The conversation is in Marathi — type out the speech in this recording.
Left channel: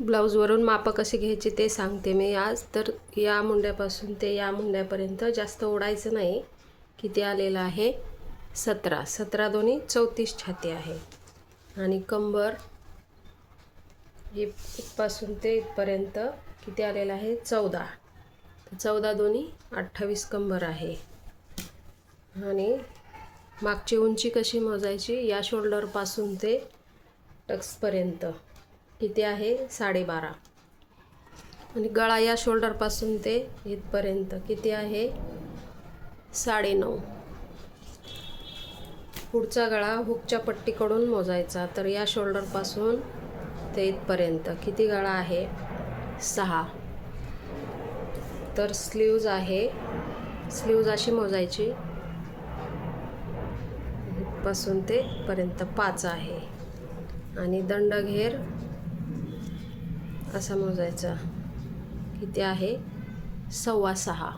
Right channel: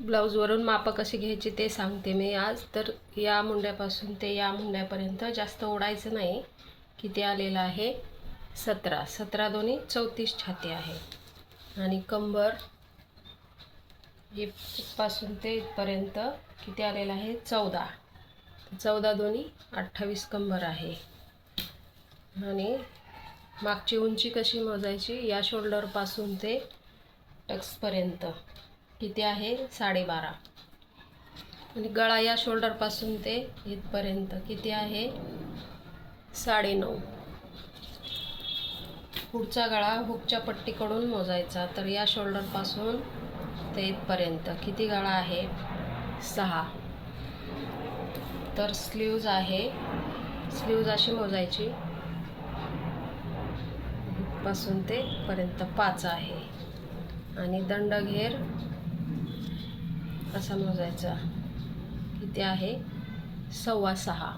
ब्लाऊजवरून मापं कशी घ्यायची ते सांगते मी आज. तर या मुंड्यापासून ते या मुंड्यापर्यंत जास्त ओढायचं नाही. किती आलेलं आहे 17. 17 दोन्ही 34 छाती आहे. आणि कंबर इथपासून ते इथपर्यंत किती आलेलं आहे 14. 14 दोन्ही 28 कंबर आहे. आणि मागची उंची कशी मोजायची, या शोल्डरपासून ते टक्सपर्यंत किती आहे 12.5. आणि गळा या शोल्डरपासून ते इथपर्यंत किती आहे 9.5. पुढचा गळा हुकच्या पट्टीकडून मोजायचा. तर या शोल्डरपासून ते इथपर्यंत किती गळा आहे 6. तर स्लीव्ज आहे, स्लीव्ज अशी मोजायची इथपासून ते पर्यंत 5 आहे. आणि दंडघेर असा मोजायचा किती आहे 6.25.